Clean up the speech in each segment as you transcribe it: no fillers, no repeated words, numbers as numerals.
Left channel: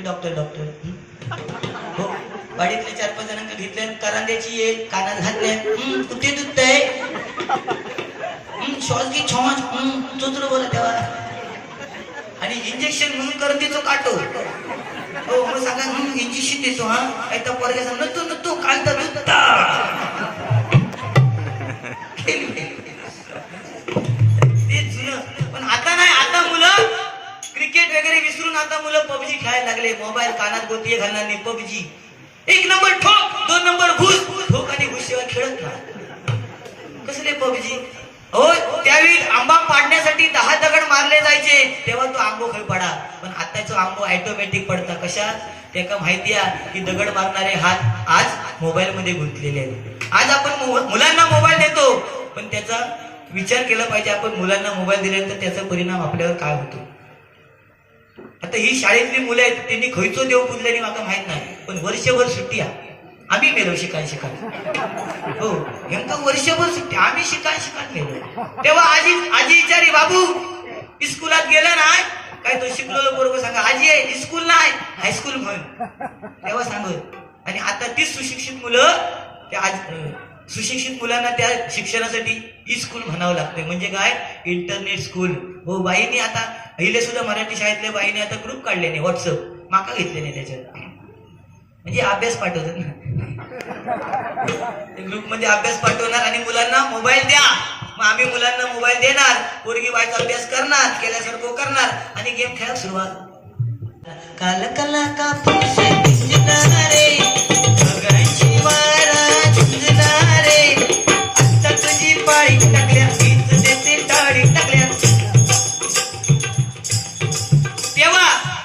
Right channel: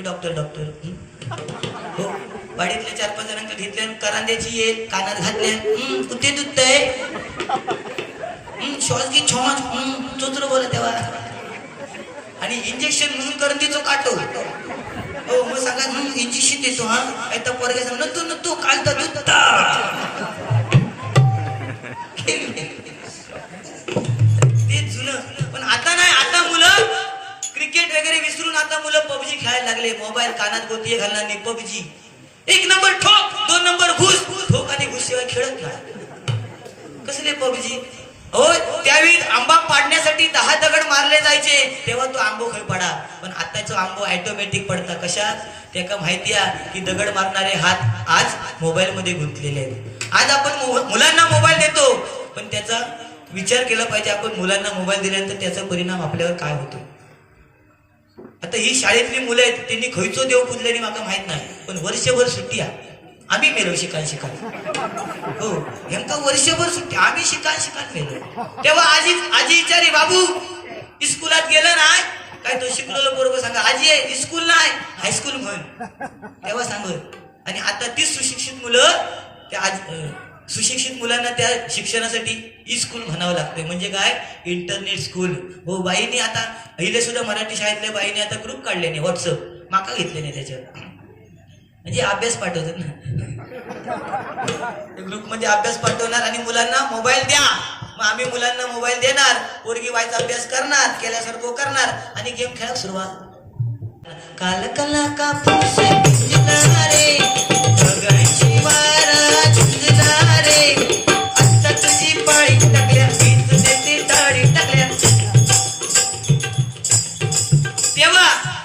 ते डॉक्टर हो वाडीतल्या 4-5 जणांना घेतल्या करांद्याची एक कानात घातल्या कुठे दुखतंय श्वास घे छॉस चोचर बोला तेव्हा आणि इंजेक्शन म्हणून करंदीचं काटो हो मग सांगा इंजेक्शन देतो हा आता पोरगा सांग नतो काल तर दुखता ते जुनं पण आता नाही आता मुलं क्रिकेट वगैरे विसरून आता मुलं पबजी खेळायला लागले मोबाईल कानात गोतीये घालणार नाही पबजी 1 नंबर ठोक 2 नंबर घुस ठोक आणि घुसशिवाय खेळत नाही कसले पबजी हो त्यावेळी आंबा पाडण्यासाठी 10 दगड मारले जायचे तेव्हा तो आंबो खाली पडा पण आताचा आंबो ऑटोमॅटिक पडता कशा त्याका माहिती आहे की दगड मारणारे हात आज मोबाईल मध्ये गुंतलेले आहेत आज आपण मुलांना मोबाईल देतो पण त्याचा विचार केला पाहिजे आपण मुलांना मोबाईल दिल्यानंतर त्याचा परिणाम आपल्यावर काय होतो आता ही शाळेतली मुलं आहेत त्यांनी खैचो देव पुजल्याने मला माहित नाही पण वर्षभर सुट्टी आहे आम्ही मेलो शिकाय हो नेमका वर्षभर सुट्टी आम्ही शिकाय मेलो तेव्हा आजी विचारी बाबू स्कूलात गेलं नाही काय तो शिकलेलं बरोबर सांगा आजी स्कूल नाही हायस्कूल म्हण तेव्हा सांगत आणि आता तीच सुशिक्षित मुलं त्या सुशिक्षित मुलांना त्या शिक्षणासाठी स्कूल म्हणावं लागतंय म्हणजे काय इंटरनेट स्कूल हो बाईने आता अहिले सुद्धा मराठी शाळेतल्या बाईने आता ग्रुप काढले नाही व्हॉट्सअप माका घेतले नाही त्याच्यात म्हणजे अभ्यास पाठवतात ना ग्रुपमध्ये अभ्यास पाठवणार आणि मुलांना मोबाईल द्या मग आम्ही मुलांना मोबाईल देणार पोरगी बाईचा अभ्यास करणार केल्यासारखं करणार आणि गेम खेळायला सुरुवात काल कला का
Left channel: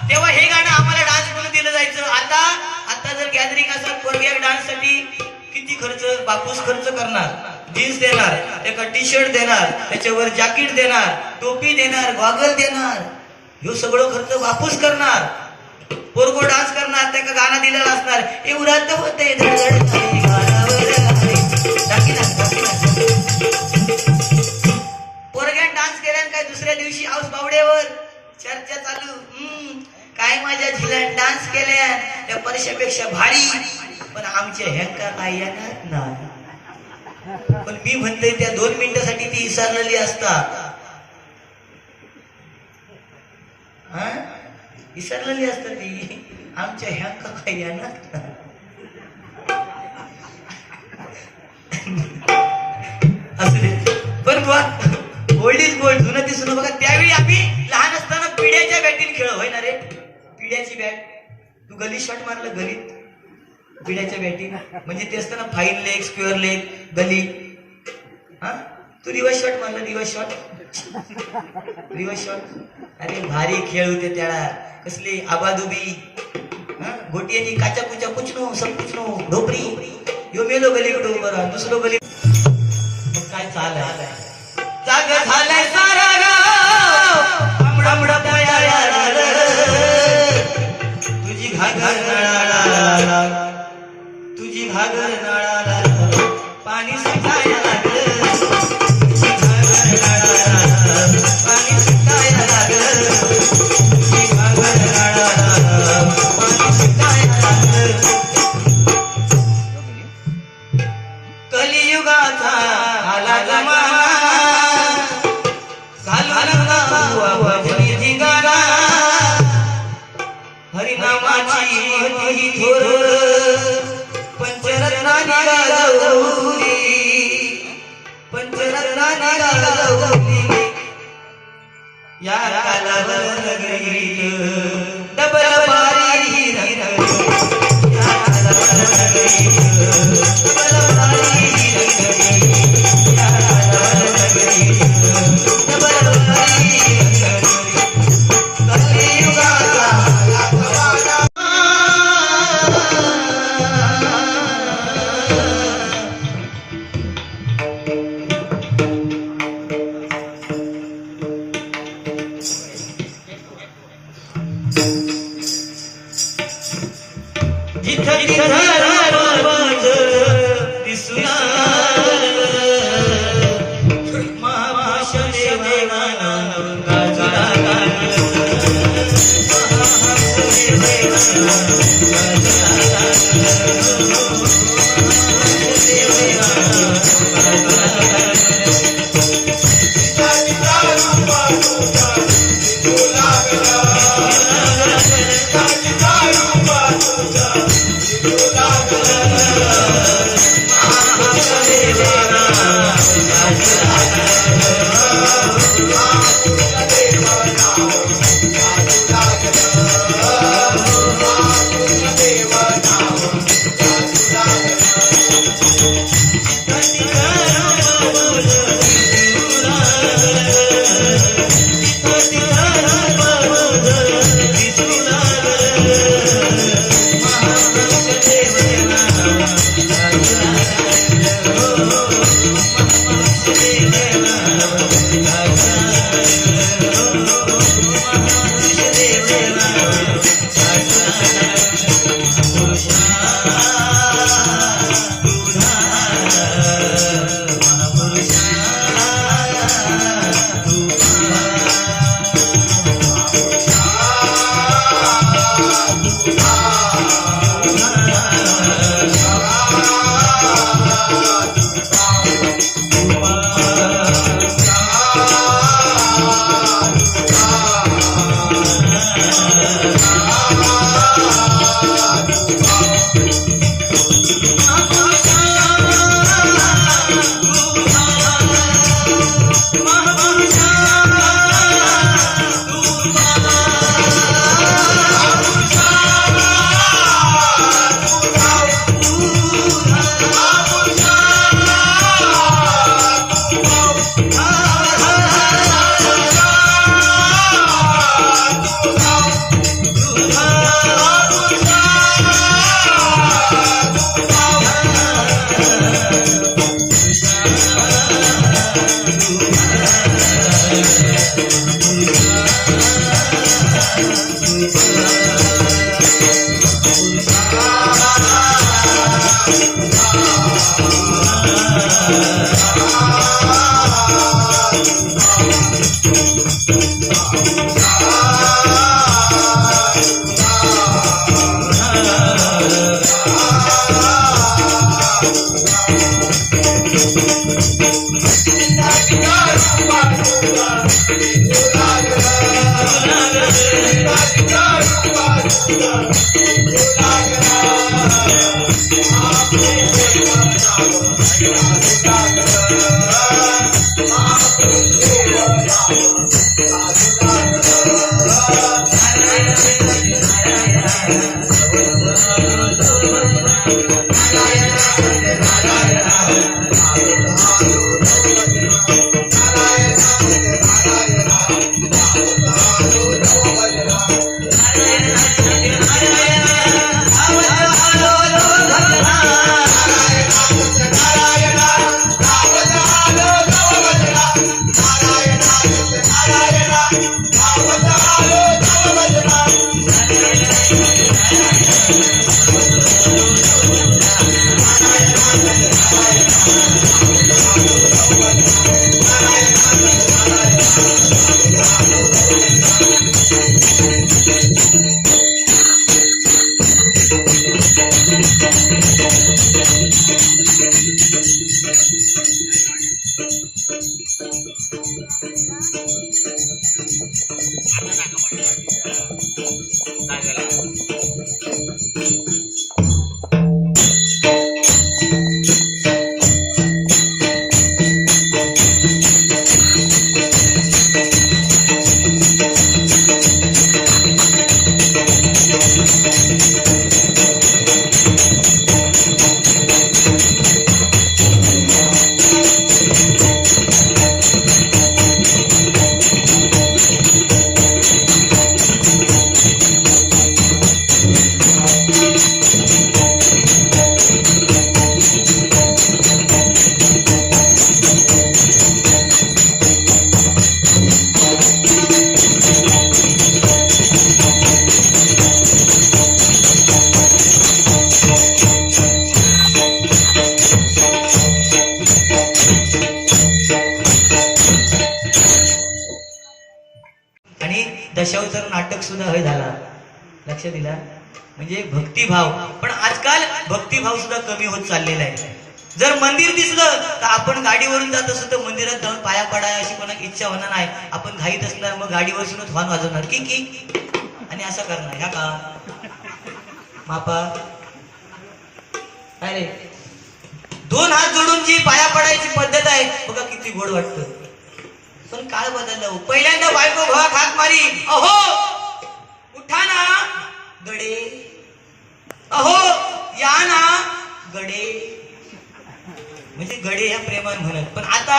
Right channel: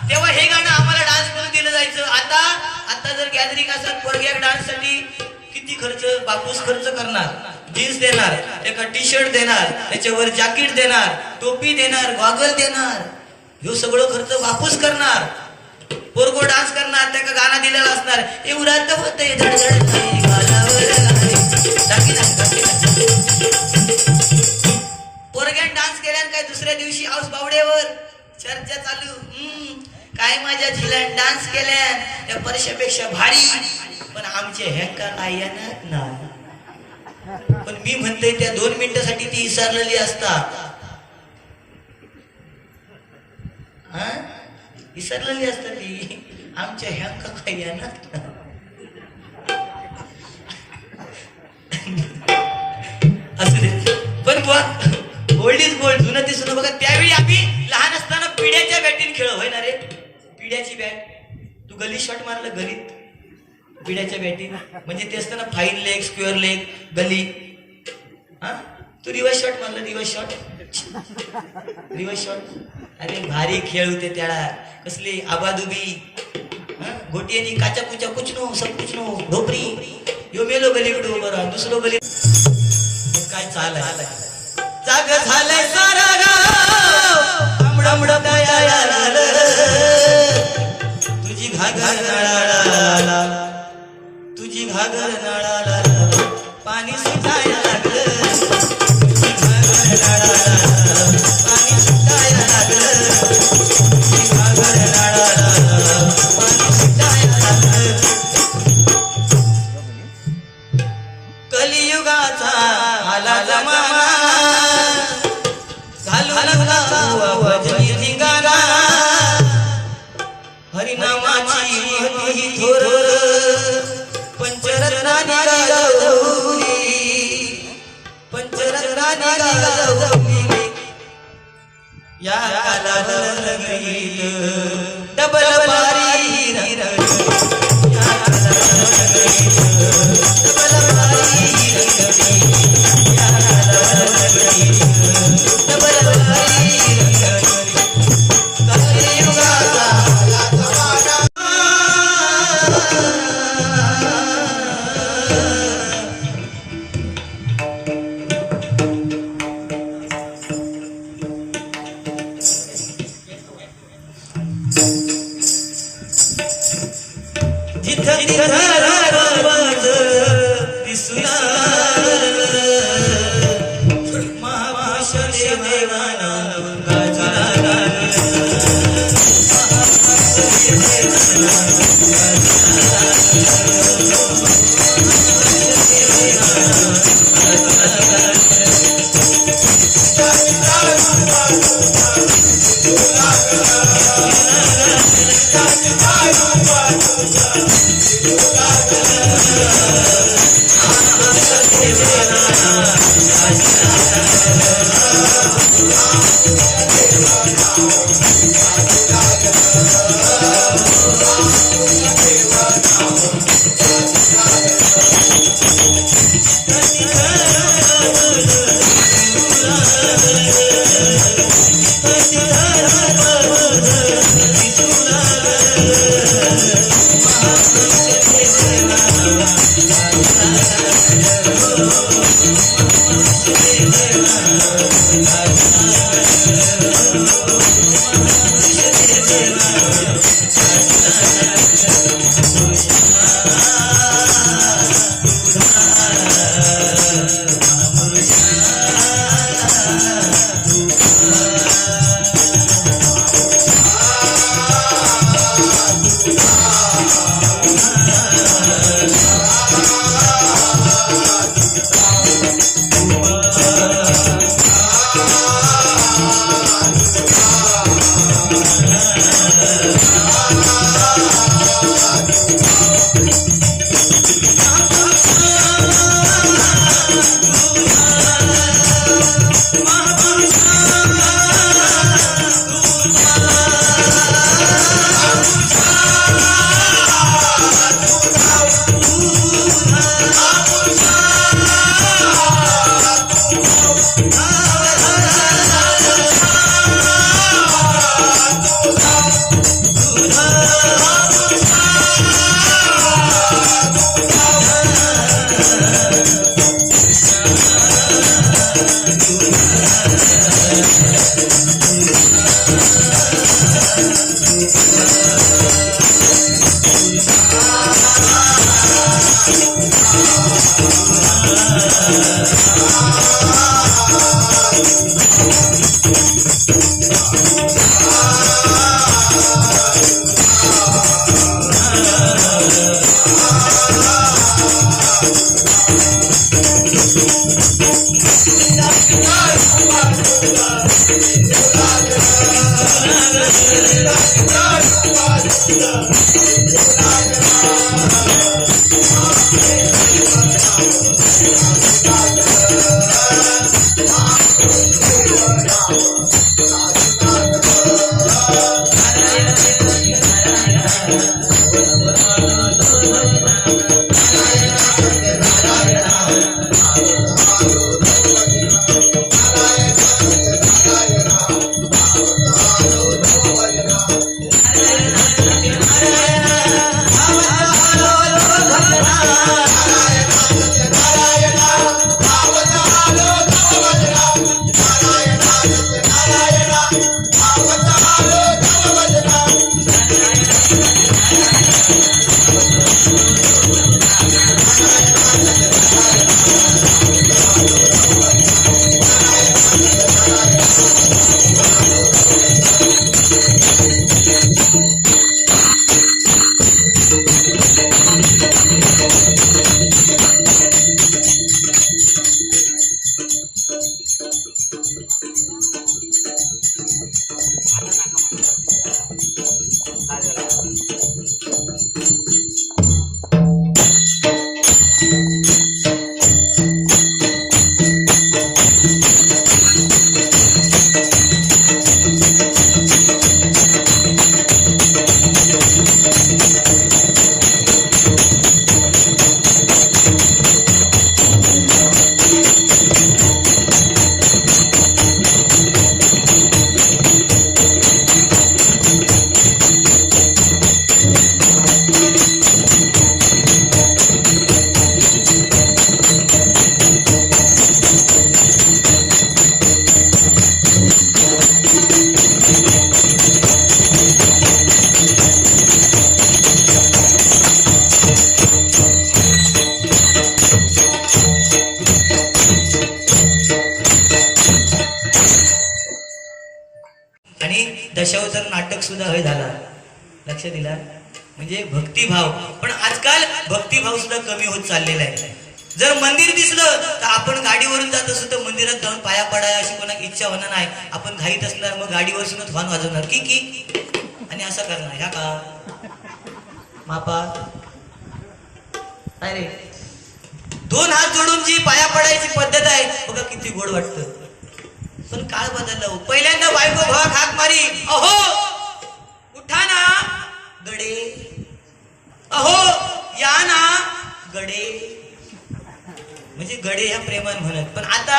तेव्हा हे गाणं आम्हाला डान्स म्हणून दिलं जायचं आता जर गॅदरिंग असेल पोरग्या डान्स साठी किती खर्च बापूस खर्च करणार जीन्स देणार एका टी शर्ट देणार त्याच्यावर जॅकेट देणार टोपी देणार गॉगल देणार ह्यो सगळं खर्च बापूस करणार पोरगो डान्स करणार त्याका गाणं दिलेलं असणार एवढ्यात होते पोरग्यान डान्स केल्यान काय दुसऱ्या दिवशी हाऊस बावड्यावर चर्चा चालू काय माझ्या झिल्यान डान्स केल्या त्या परशापेक्षा भारी पण आमच्या ह्यांका काय येणार नाही पण मी म्हणतोय त्या 2 मिनिटासाठी ती विसरलेली असतात विसरलेली असतात ती आमच्या ह्यांका काय येणार असू दे पण गोल्ड इज गोल्ड जुनं ती सुद्धा बघा त्यावेळी आम्ही लहान असताना पिढ्याच्या बॅटीने खेळ होय ना रे पिढ्याची बॅट तू गली शॉट मारलं गलीत पिढ्याच्या बॅटी म्हणजे ते असताना फाईन लेग स्क्वेअर लेग गली तू रिवर्स शॉट मारलं रिवर्स शॉट अरे भारी खेळ होते त्याला कसली आबादुबी गोटी आणि काचा कुचा कुचनो सब कुचनो ढोपरी यो मेलो गली उडो बरं दुसरो गली काय चाल जाग झालाय सारा गाव तुझी घागर नळाला तुझी घागर नळाला पाणी सुटायला लागलं तुझी घागर नळाला पाणी सुटायला लागलं तुझी घागर नळाला पाणी सुटायला लागलं कलियुगाचा आला जमाना हरिनामाची महती थोर पंचरत्नानी गाजवली या कालावर लगीत डबल बारी रंगली या कालावर लगीत डबल बारी रंगली या कालावर लगीत डबल बारी रंगली कलियुगाचा महाभाष्य दशावतार नाटक सुद्धा हय झाला, लक्ष दिला. म्हणजे भक्तिभाव. पण आजकाल भक्तिभाव सुद्धा कमी होत चाललेला आहे. जर मंदिर दिसलं तर आपण गाडीवरून जात असतो तर मंदिरात जाऊन पाया पडाय अशी कोणाची इच्छा होणार नाही. आपण घाईत असणार मग गाडीवरूनच हॉर्न वाजवणार की आणि असं करणार. ह्या का मापा काय रे, दोन हात जोडून जी पाया पडायची पद्धत आहे बघा किती गोड वाटतं. पण काळ बदलला. पहिल्यांदा बायको भावा हाक मारी, अहो उठा ना गडे, अहो या ना गडे, म्हणजे गडे ह्या प्रेमान म्हणत. पण आता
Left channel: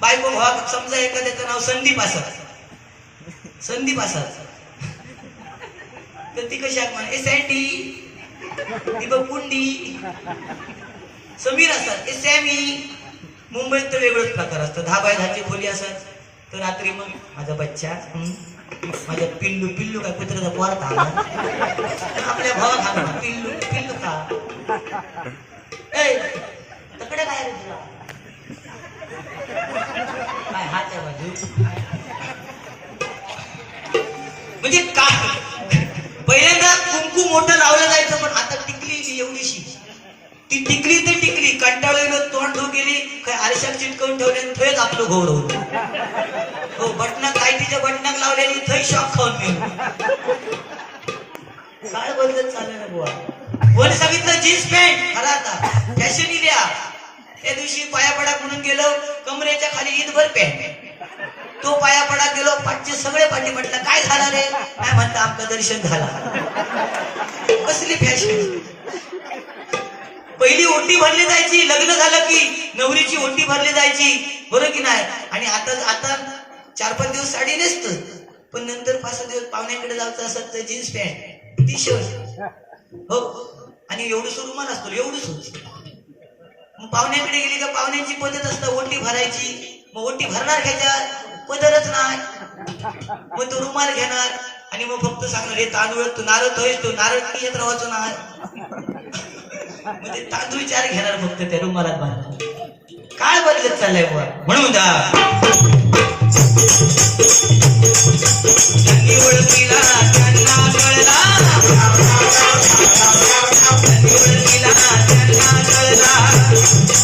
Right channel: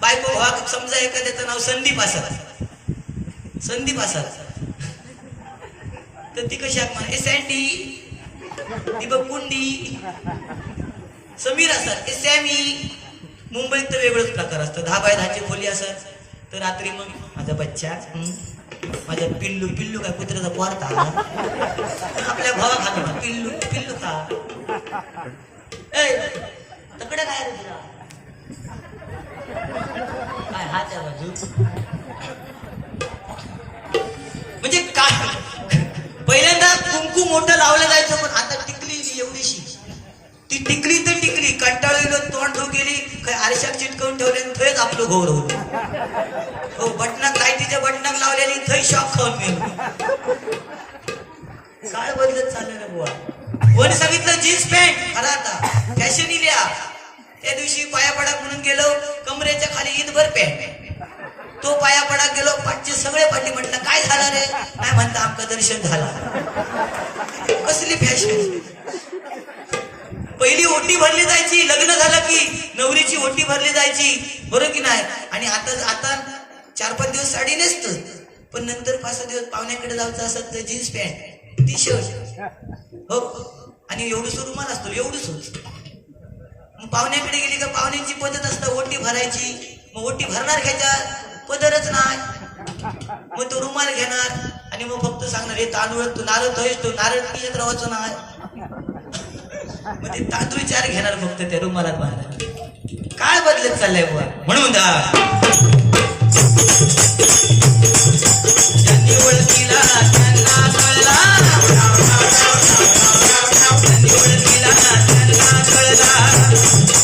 बायको भावा समजा एखाद्याचं नाव संदीप असाल, संदीप असाल तर ती कशी हाक मार, ए सँडी, ती बघ कुंडी. समीर असतात, ए सॅमी. मुंबईत तर वेगळंच प्रकार असतं. 10 बाय 10ची खोली असत तर रात्री मग माझा बच्चा, माझ्या पिल्लू, पिल्लू काय कुत्र्याचा पोरात आला आपल्या भावा खाला पिल्लू, पिल्लू खा. ए तकडे काय रे तुला काय हाच्या बाजू. म्हणजे काय पहिल्यांदा कुंकू मोठं लावलं जायचं पण आता टिकली एवढीशी. ती टिकली तर टिकली, कंटाळलेलो तोंड धो गेली काय आरशात चिटकवून ठेवले थंयच आपलं घोर होत. हो बटनाक लाईटीच्या बटनाक लावलेली थंय शॉक खाऊन गेलो. काळ बदलत चालले ना बुवा. कोणी सांगितलं जीन्स पॅन्ट खरा आता फॅशन इल्या. त्या दिवशी पाया पडाक म्हणून गेलो, कमरेच्या खाली ईदभर पॅन्ट. तो पाया पडाक गेलो, पाठचे सगळे पाठी. म्हटलं काय झालं रे, काय म्हणता आमचं दर्शन झाला. कसली फॅशन. पहिली ओटी भरली जायची, लग्न झालं की नवरीची ओटी भरली जायची, बरोबर की नाही. आणि आता 4-5 दिवस साडी नेसतं पण नंतर 5-6 दिवस पाहुण्याकडे जायचं असत तर जीन्स पॅन्ट टी शर्ट हो आणि एवढं रुमाल असतो एवढंच. मग पाहुण्याकडे गेली का पाहुण्यांची पद्धत असतं ओटी भरायची. मग ओटी भरणार घ्यायच्या पदरच नाही, मग तो रुमाल घेणार आणि मग फक्त सांगणार हे तांदूळ तू नारळ धोयस, तो नारळ पियत राहायचो नाही. मग ते तांदूळ 4 घेणार फक्त त्या रुमालात बांधणार. काळ बदलत चाललाय बुवा. म्हणून ज्यांनी ओळखीला त्यांना कळला, ज्यांनी ओळखीला त्यांना कळला,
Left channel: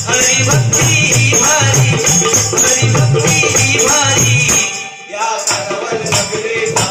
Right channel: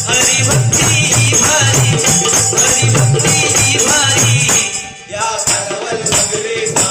हरिभक्ती ही भारी, हरिभक्ती ही भारी. या सर्वल सगळेचा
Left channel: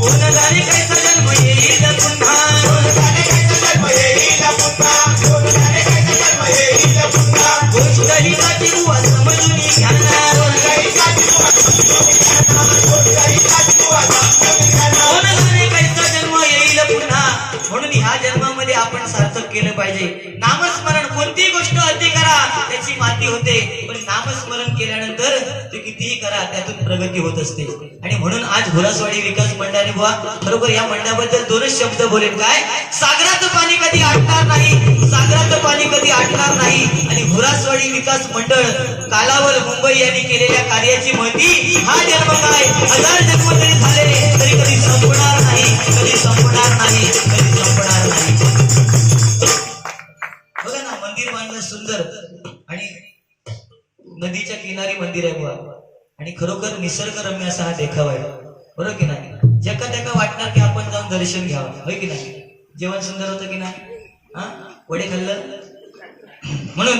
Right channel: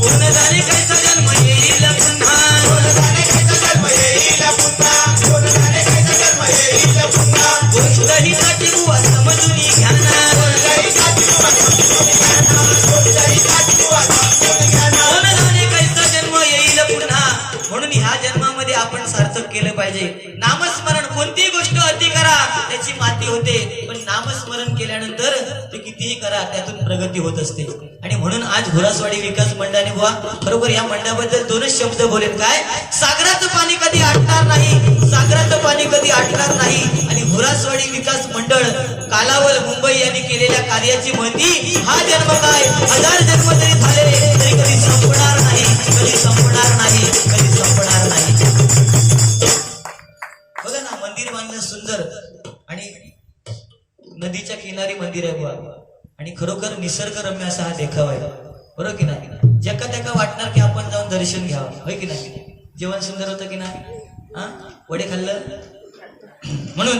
कोण जाणे कैसा जन्म येईल पुन्हा, कोण जाणे कैसा जन्म येईल पुन्हा, कोण जाणे कैसा जन्म येईल पुन्हा. कोणतरी साठी बुवा समजून घेणार, कोणतरी साठी बुवा समजून घेणार, कोणतरी साठी बुवा समजून घेणार. कोण जाणे कैसा जन्म येईल पुन्हा. म्हणून ह्या जन्मामध्ये आपण सार्थक केलं पाहिजे. नामस्मरण कोणतीही गोष्ट अति करा त्याची माती होते, पण नामस्मरण केल्यानंतर ते कितीही करा त्यातून प्रगती होत असते. आणि म्हणून आज घोरासवाडी विकास मंडळाने बुवा खरोखर या मंडळाबद्दल 2च शब्द बोलेल. काय, सागराचं पाणी कधी आटणार नाही, सागराचं पाणी कधी आटणार नाही. आणि घोरासवाडी विकास मंडळ कालावल मुंबई यांनी केलेल्या कार्याची महती हा जन्म काय 1000 जन्म जरी झाले तरी कधी संपणार नाही, कधी संपणार नाही, कधी संपणार नाही. बघा ना मंदिर बांधलं सुंदर आणि नदीच्या किनारी मंदिर आहे बुवा आणि खरोखर निसर्गरम्य असा हा देखावा आहे, बरोबर की नाही. ज्याका त्याका वाटणार की आपण जाऊन दर्शन घ्यावं, होय की नाही. जेवण सुंदर होतं की नाही, हा वडे खाल्लं. म्हणून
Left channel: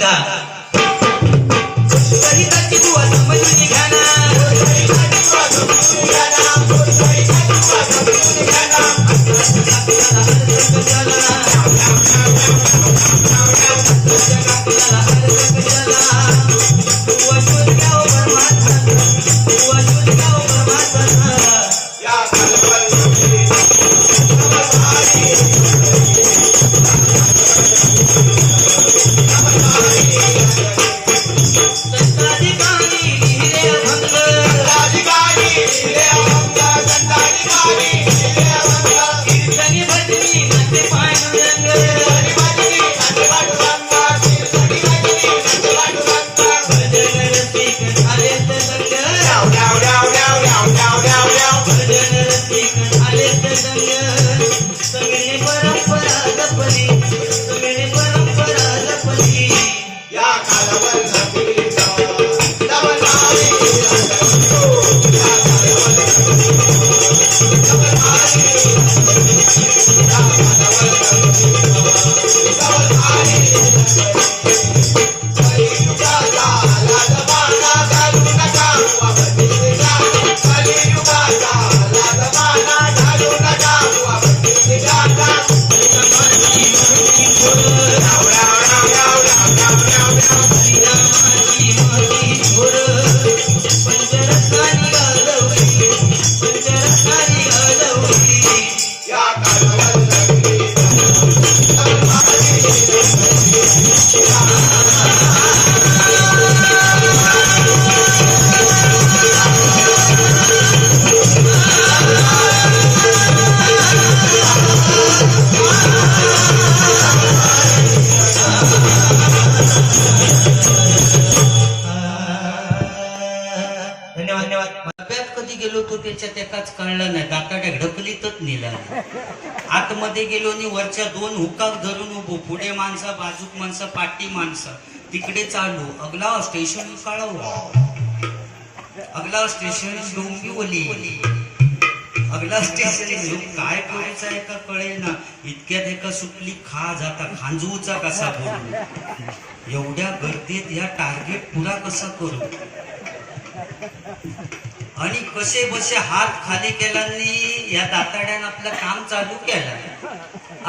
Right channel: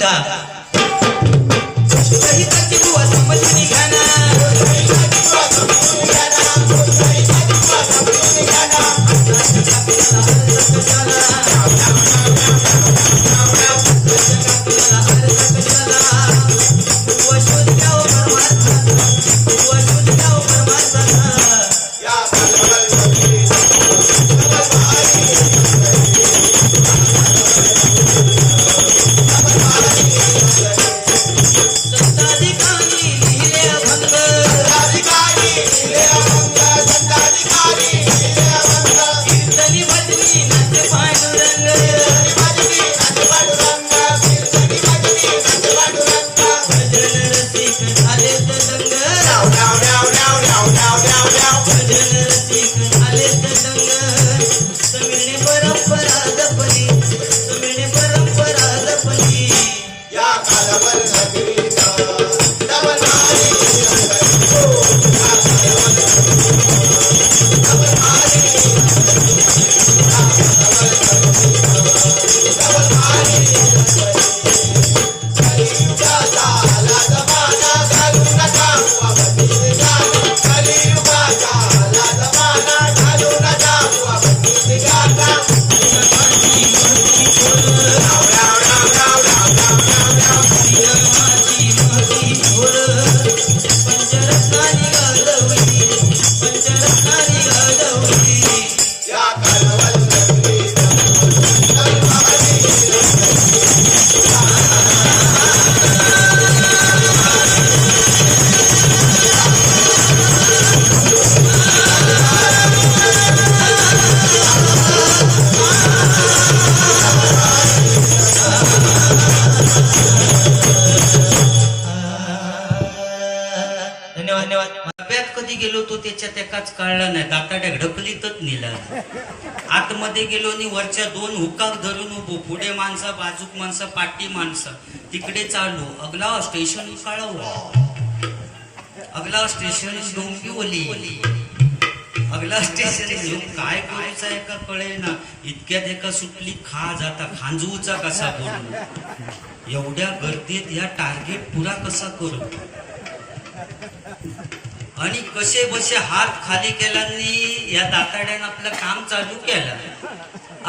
परंपरा कधी गेलो तो त्याच्यात एकाच कळला नाही, दाताड्या ढकलीतच नेला. आतमध्ये गेलो आणि वरच्या दोन हुकाक धरून उभो, पुढे माणसं, बाजूक माणसं, पाठी माणसं, तिकडे चालू. अगला स्टेशन कळवा, अगला स्टेशन डोंबिवली, अगला स्टेशन काय करायचं आहे का कळे ना. इतक्यात एका सुटली खा जाता खांजवूचा कसा करू, एवढ्या गर्दीत या टार्गेट पुरा कसा करू. आणि कसे बसे हात खाली केल्यानी या दाताड्यानं आपलं काम चालू केलं.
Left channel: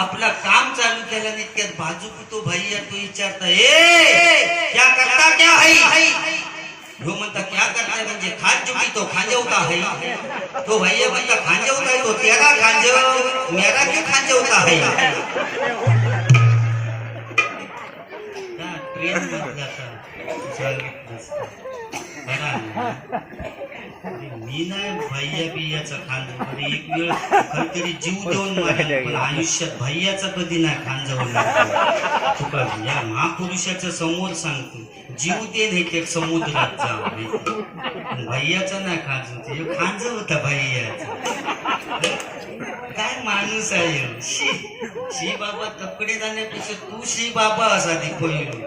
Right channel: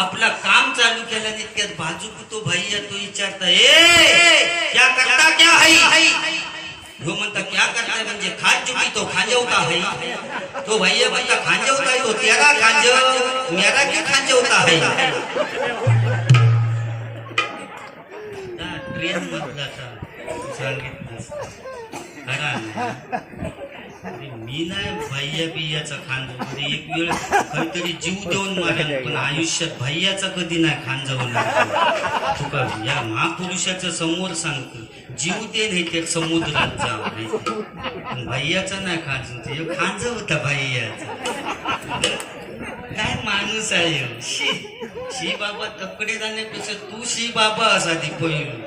आपला काम चालू केलं इतक्यात बाजू तो भैया तो विचारता, ए क्या करता क्या है. वो म्हणता क्या करता है म्हणजे खान चुकी तो खांजवता है. तो भैया म्हणता खांजवता है तो तेरा खांजव मेरा क्यों खांजवता है. ट्रेन मधला सांगितलं मी नाही भैया बियाचा खांजव. एक वेळ काहीतरी जीव देऊन मारेल, पण आयुष्यात भैयाचा कधी नाही खांजवणार. तुका या महापुरुषाच्या समोर सांगतो, जीव दे नाही ते समुद्रात जावं, भैयाचा नाही खांजव. खांजव होता भैयाचा. काय माणूस आहे. शी बाबा तकडे जाण्यापेक्षा तू शी बाबा असा ती पहिलो.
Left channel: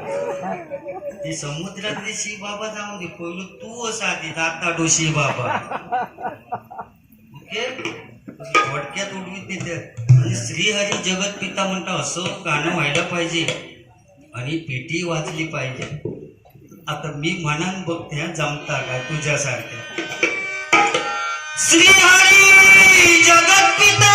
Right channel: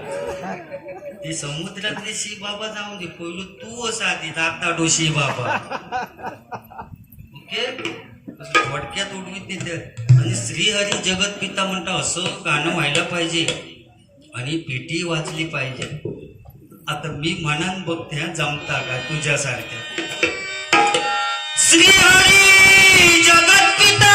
ती समुद्रातली शी बाबा जाऊन दे, पहिलो तू असा ती दाताडो शी बाबा. ओके, थोडक्यात उडवीत तिथे. आणि श्रीहरी जगत पिता म्हणता असं गाणं व्हायला पाहिजे आणि पेटी वाचली पाहिजे. आता मी म्हणान बघते जमता का तुझ्यासारख्या. श्रीहरी जगत पिता.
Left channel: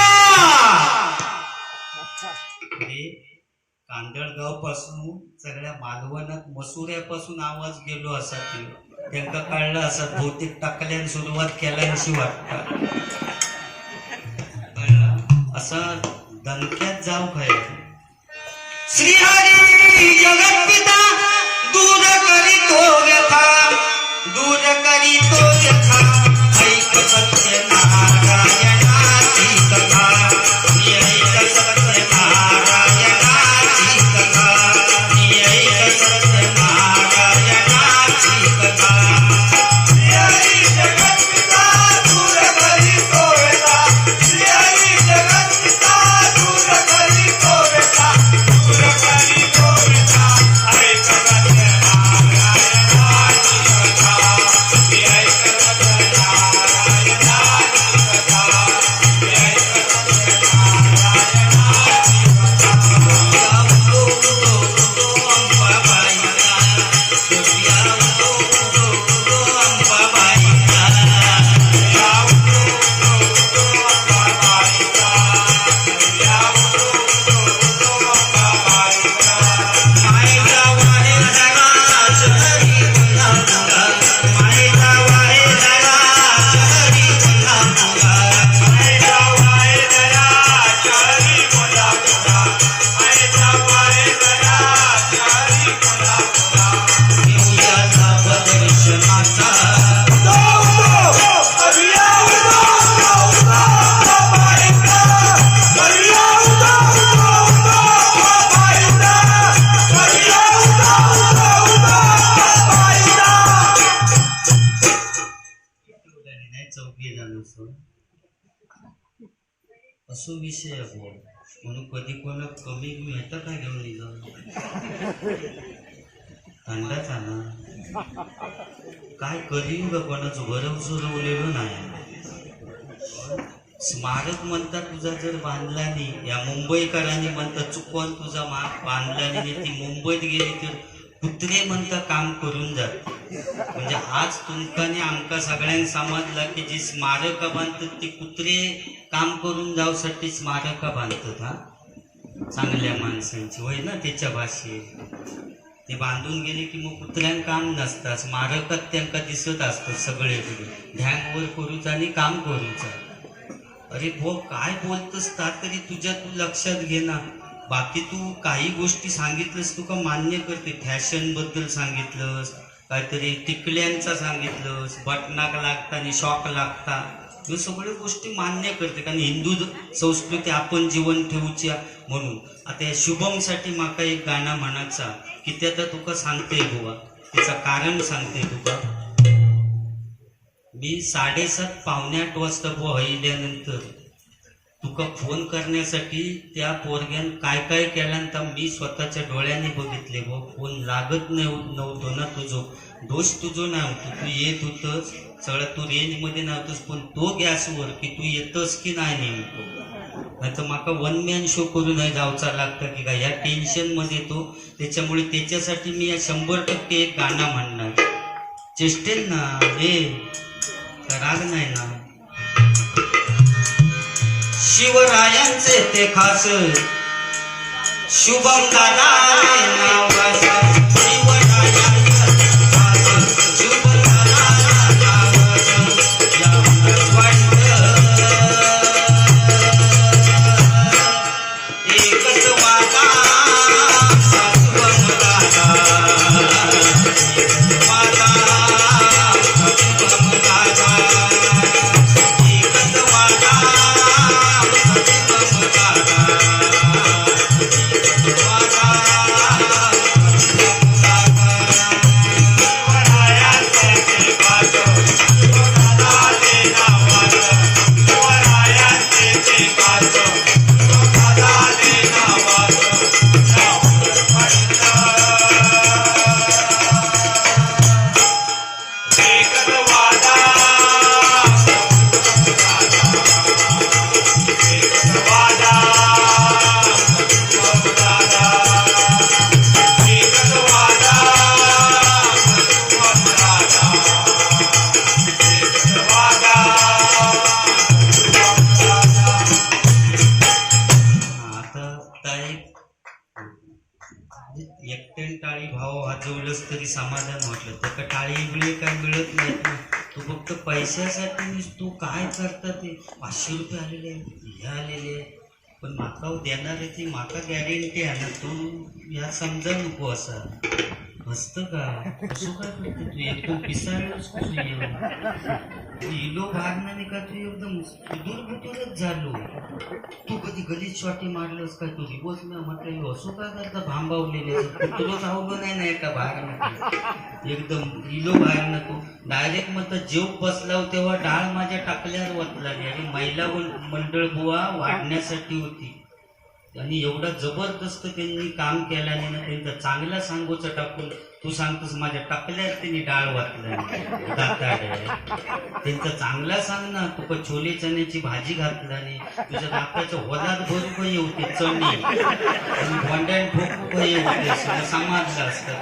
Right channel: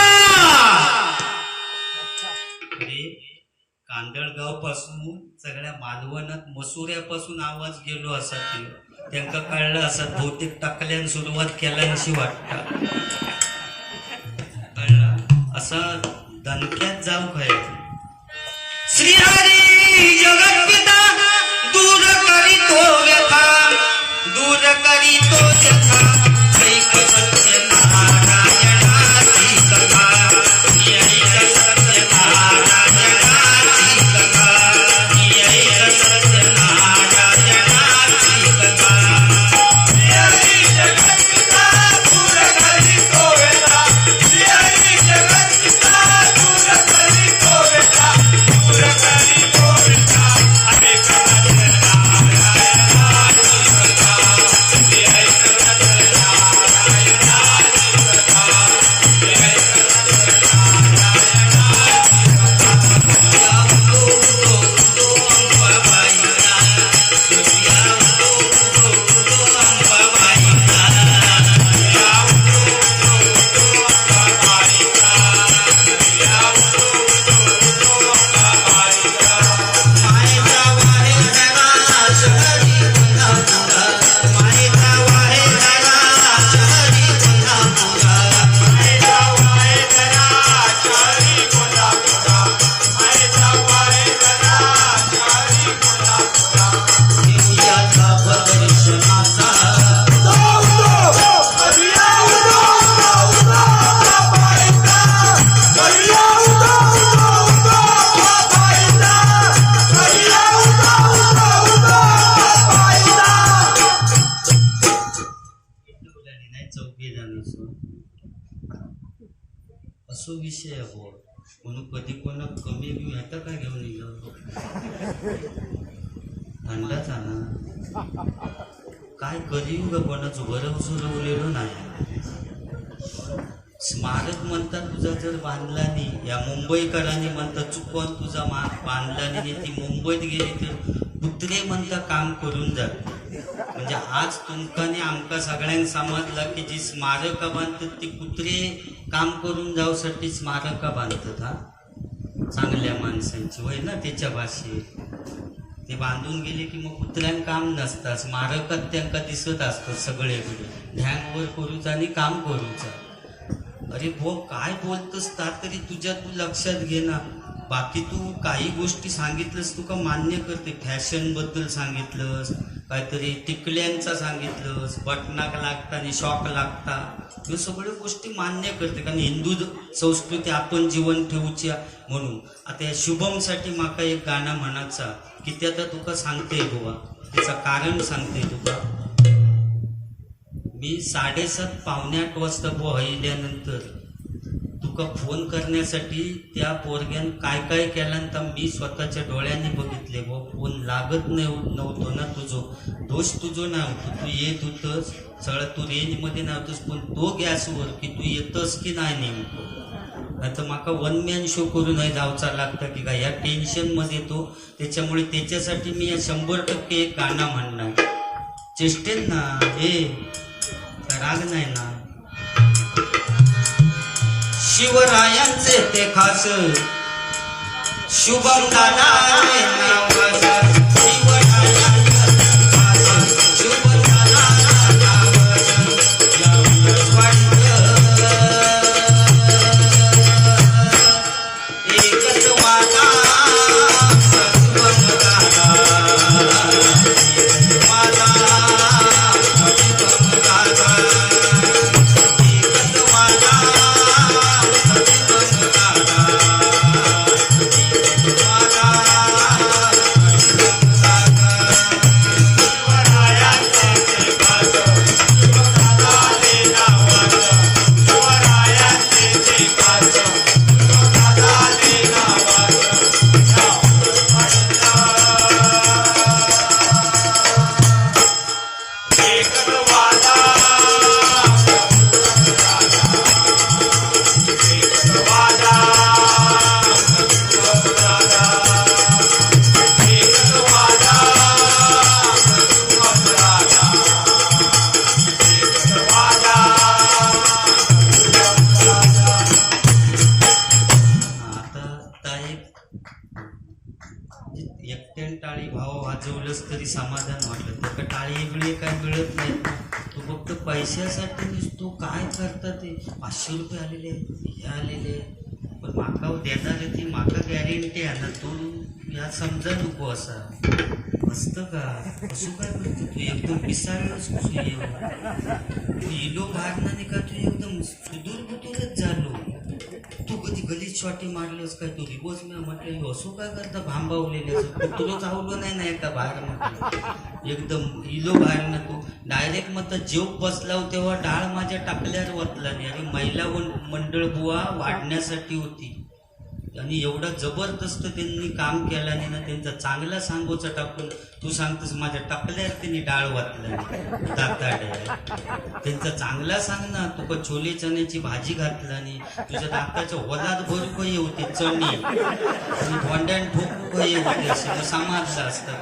कांदळगाव पासून सगळ्या मालवणात मसुऱ्यापासून आवाज गेलो असा त्यांना कळलं असं. बहुतेक टाकल्यान सुरुवात केल्याशी वाटत कळलं असं दणक्यात जाऊ काय. श्रीहरी जगत पिता दूर करीतो व्यथा, दूर करीतो व्यथा. ऐक सत्य नारायणाची कथा, ऐक सत्य नारायणाची कथा, ऐक सत्य नारायणाची कथा. श्रीहरी जगत पिता दूर करीतो व्यथा, श्रीहरी जगत पिता दूर करीतो व्यथा, दूर करीतो व्यथा. ऐक सत्य नारायणाची कथा, ऐक सत्य नारायणाची कथा, ऐक सत्य असो विषय आहे म्हणून कधी कोणा कमी ह्याचा काय घेऊन निघाल. थंडाचा ना काय करीन ग कोणाचं बरं सुरवलेलं नाही. स्मारक म्हणतात तुझा जर बांधला नाही, या मुंबईकरांनी म्हणतात चुकवून तुझा बांधला नाही, ती मुंबईत गेली तर कुत्रे म्हणता काम करून जात. म्हणजे आज तुमकाने आमका सगळ्यांना समजला की जी स्मारका बांधतात ती कुत्रे काम करून जाऊसाठी स्मारका बांधतात. हा चांगल्या माणसांची वय ना त्याच्या भाषेत ते बांधून गेले की मग कुत्र्यांना काम नसतात. स्मारकात त्यांना दिसत असतात सगळेकडे ढँगवर करूचा आणि काम करूचा. अरे भो काय बोलतोस तरी तुझ्या तू लक्षात घे ना. बाकी तू काही गोष्टी सांगितलंस तुका मान्य करते. फॅशन बद्दल सांगितलंस, काहीतरी टिकल्यांचा सांगितलंस, बटनाक लागता आणि शॉक लागता, हे सगळ्या गोष्टी मान्य करते कारण हिंदू संस्कृती आपण जीवन ठेवूच्या म्हणून. आता या शुभमसाठी माका एक गाणं म्हणायचा की ते आता तुका सांगते बुवा, त्याचं कारण सांगते तुका. मी 7:30 पावणे 8 वाजता हईल्यानंतर तुका फोन करण्यासाठी त्या पोरग्यान काय काय केल्यानंतर मी स्वतःच्या डोळ्यांनी बघितले. व फोन लागत नव्हतो ना. तुझो दोष तुझो नव्हतो, तू येत होतस सगळं, तू रेंजमध्ये नव्हतोस. पण तो गॅसवर की तू येतस की नाही नेमकं, नाही तर माका वन मॅन शो करून नाही जाऊचा लागतं की काय या टेन्शनमध्ये तो. त्याच्यामुळे त्याच्यासाठी मी 100% एक गाणं म्हणणार. चेष्टेल ना हे राग नाही ना. शिवरायांचे ते खास शुभम दादा नावास. शिवरायांचे ते खास शुभम दादा नावास. यावंच वाटतं एकच वादा शुभम दादा वादा शुभम दादा. एकट्याने टाळी भाव वाजवलंच तरी समाधान वाटलं. त्याला टाळी बिळे काय मिळत नाही. तू फक्त पैशासाठी तू काय करता ते 500 रुपये आलेले हे आलेले, पण माका देणार ती माका गॅरंटी आहे ना. तू या समजा नको असा असतं का. असं काय करतो तू एकदम पिसाळलंच कसं येऊ. तू इलो बाहेरना का तू एकदम सुदूर बुतूरच झालो. तू कधी गलीत शॉटी मारलंस काय. तू रिबोस मी म्हटलं असं काय करता भांबावलेले तुला चावलं नाही ना एका बाहेर म्हटलं एकदम इलो बाहेर ना. तू डायरेक्ट मग जेव बसला तेव्हा डाळ माझ्या टाकल्यावर वतला नाही. आणि महिला मंडळ बुवा वाढण्यासाठी होती आणि एवढा जबरदस्त त्यांनी काम केल्याने ना. त्यांचा चांगला सांगोचा टाकून तू सांगतोस माझ्या टाकल्यावर त्यांनी डाळ वाटला दाताड्या. त्यांचा चांगला सांग ना. तुका छोले चण्याची भाजी घातला नाही. तुझ्या दाताच्या वलात भरू काही होते चणी आणि भोंड्यान ठोकू काही होते समाजला असतात.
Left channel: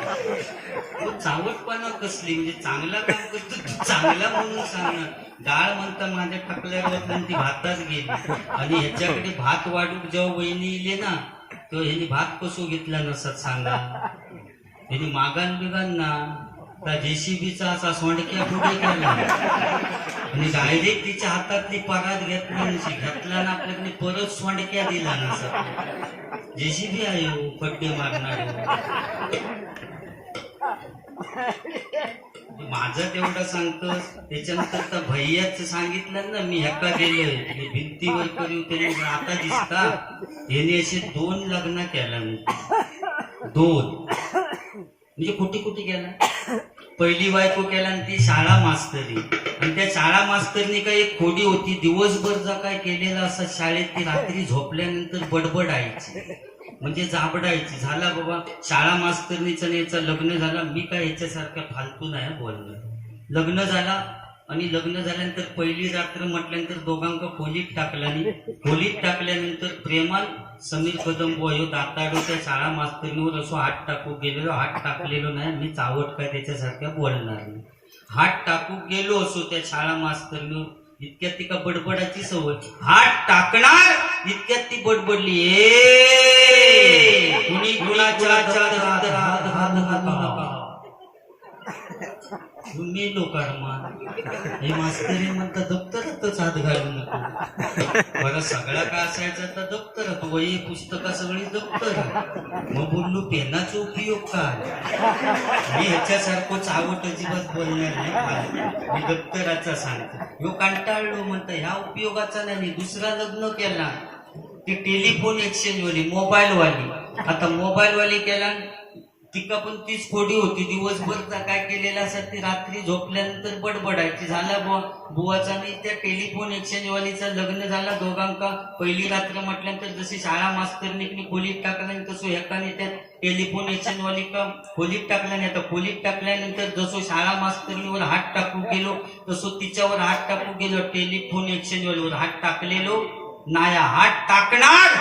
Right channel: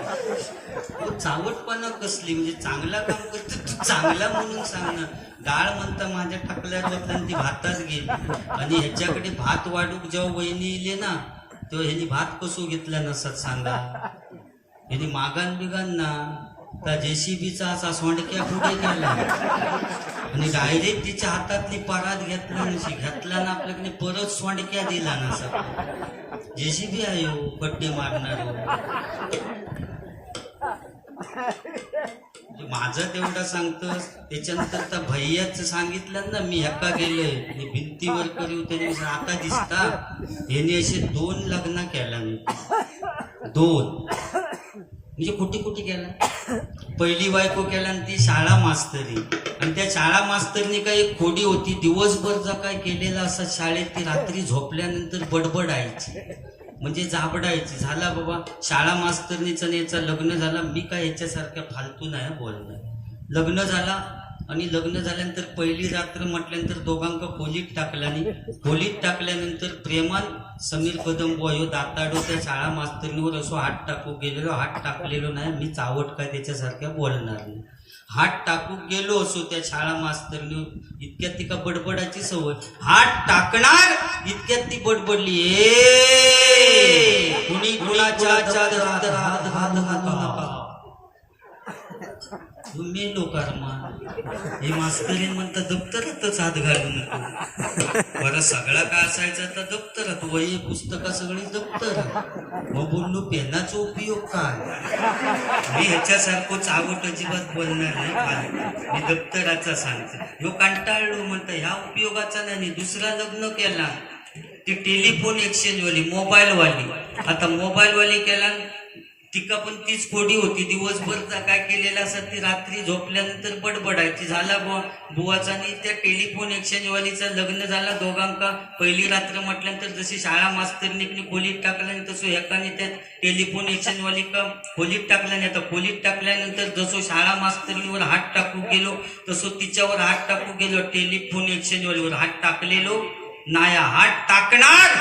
चावटपणा कसली म्हणजे चांगला काम करतो तू चांगला म्हणून सांग ना. डाळ म्हणता माझ्या टाकल्यावर वाटला ती भातात गेली. आणि ह्याच्याकडे भात वाढूक जेव्हा वहिनी इले ना तेव्हा ह्यानी भात कसो घेतला नसत सांगा. ह्यानी मागान बिगान ना तर JCBचा असा सोंडक्या पुढे गेला आणि डायरेक्ट तिच्या हातातली परात घेतला नशी घेतला ना. आपल्याकडे परत सोंडक्या दिला नसा. JCB आहे हो पड्डे मारणार. माझं तेवढं सांगतोस. त्याच्यानंतर त्या भैयाच सांगितलं ना मी ह्याका गेलोय भिंतीवर करू तरी आता दिसता. याने असे 2 लग्न केला मी. 2 म्हणजे कुठे केला. पहिली बायको केला आणि ती शाळा मास्तरी. आणि त्या शाळा मास्तरनी काय एक खोडी होती दिवसभर जा काय केलेला असं शाळेत ती रात्री झोपल्यानंतर बडबड यायची. म्हणजे जाबडायची. झाला बाबा शाळा मास्तरणीचं याचं लग्न झाला. मी काय याच्यासारखं फालतू नाही बोलणं. लग्न झाला आणि लग्न झाल्यानंतर पहिली रात्र म्हटल्यानंतर दोघांक खोलीत टाकल्याने खोलीत टाकल्यानंतर प्रेमान समीर कदम ह्यो दाताडो त्या शाळा मास्तरणीवर असो हात टाकू गेलेलो. हात टाकलेलो नाही. मी चावट काय त्याच्यासारख्या बोलणार नाही. हात टाकू गेलो असो त्या शाळा मास्तरणीवर. इतक्यात ती का बडबडाची सवय. हात टाकणार इतक्यात ती बडबडली, ए कुणी कुणाच्या चादरात हात घालू नका. तुम्ही लोकारमा हे मास्तरी म्हणता दप्तरातच हात घालू नको. बरं सगळा का असायचा तर दप्तरात वही पुस्तकं सगळी दप्तर. मग बोललो पेनाचा उपयोग काय. मी ह्याच्यासारखं चावट अजिबात बोलणार नाही. मी दप्तराचा सांगतो. ह्यो कंटाळलो म्हणता ह्या उपयोगाचा नाही. दुसरा लग्न केला ती टेलिफोन एक्सचेंज वाली मोबाईल वाली. आता मोबाईल वाली केला तिका पण तीच खोडी होती. दिवसभर काय केलेलं असं ती रात्री झोपल्यानंतर बडबडायची. झाला बुवाचा आणि त्या टेलिफोन एक्सचेंज वालीचं लग्न झाला. दोघांका पहिली रात्र म्हटल्यानंतर जशी शाळा मास्तरनी खोलीत टाकल्याने तसं एकाने त्या टेलिफोन एक्सचेंज वाली का खोलीत टाकल्याने. आता खोलीत टाकल्यानंतर जसं शाळा मास्तरणीवर हात टाकू गेलो तसं तिच्यावर हात टाकू गेलो. टेलिफोन एक्सचेंज वालीवर हात टाकलेलो नाया. हात टाकणार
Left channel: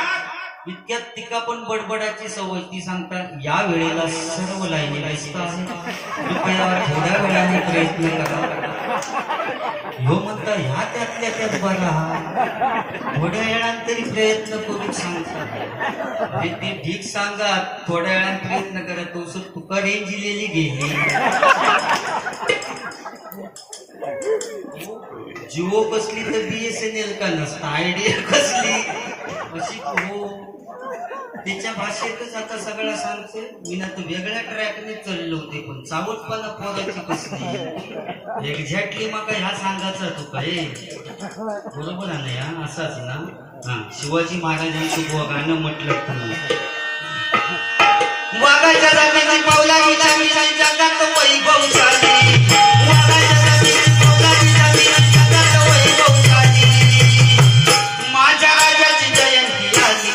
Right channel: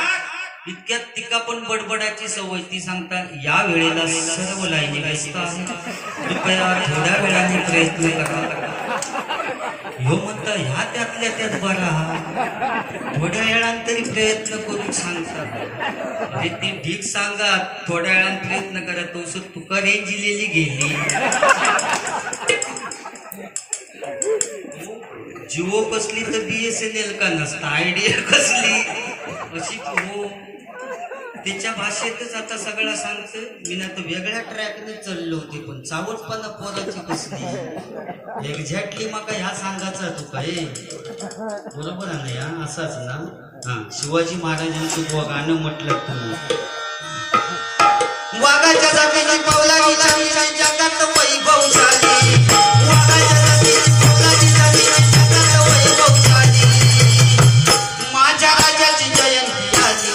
इतक्यात तिका पण बडबडाची सवय. ती सांगतात या वेळेला सर्व लाईनी व्यस्त आहेत, कृपया थोड्या वेळाने प्रयत्न करा. ह्यो म्हणता ह्या त्यातल्या त्यात बरा हा थोड्या वेळाने प्रयत्न करू सांगतात. अरे ते ठीक सांगा थोड्या वेळाने प्रयत्न करा. तो तुका रेंज दिलेली गेली. जिओ कसली तर BSNL का नसता. आयडिया कसली अशी हो त्याच्या भाषेतच आता सगळं सांगतोय. मी ना तो वेगळ्या ट्रॅकने चाललो होते पण चावटपणा पोराची कसली एक्झॅक्टली मग ह्या सांगायचा तू काय बरोबर आहे हा असाच ना. हा शिवाजी महाराजांचं गाणं म्हटलं तुम्ही. वाघाच्या जागेची पावलाची चांगली जगात वैभवशाली. माझ्या राजाची जयंती आली.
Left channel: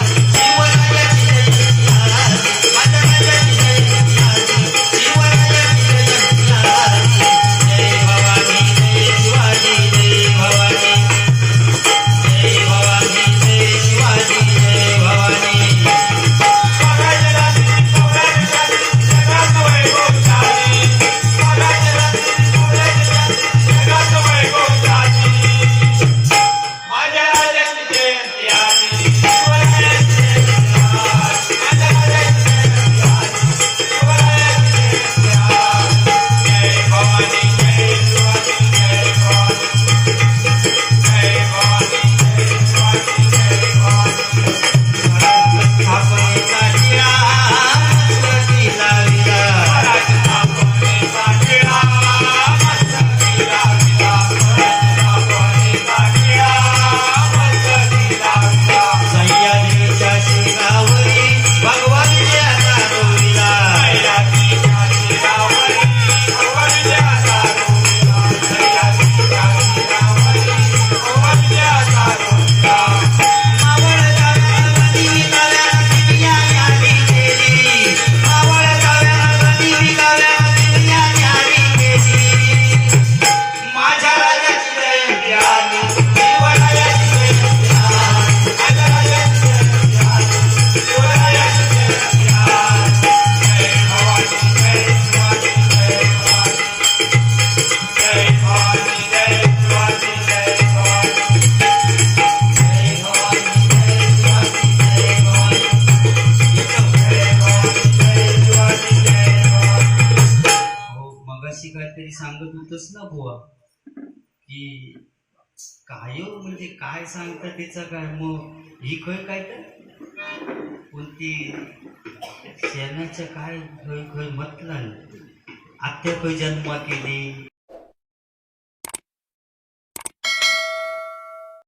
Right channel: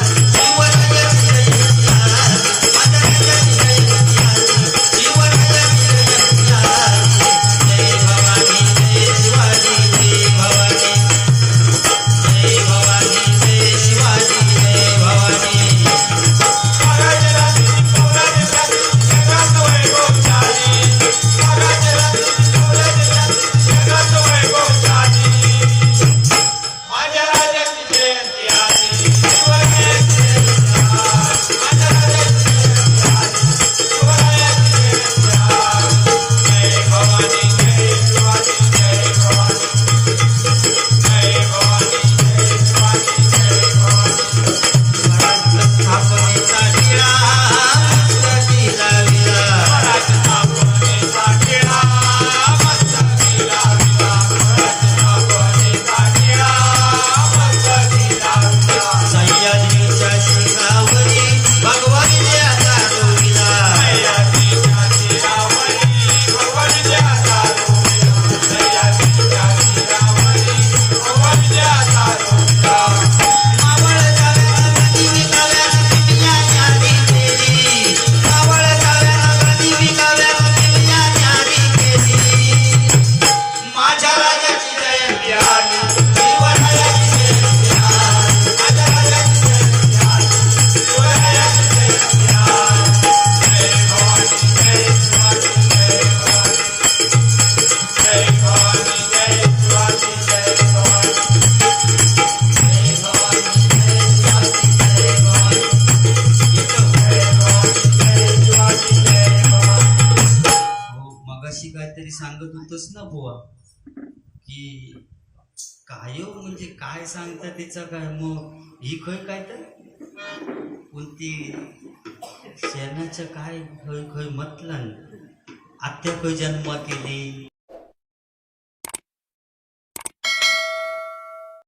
सांगत होतस ना बुवा की काय म्हणजे काय सांगता तिचा काय. मग ही खय काय तर कोणती शेणाचं काय खय खय म्हटलं. आत्या खय जन्म केली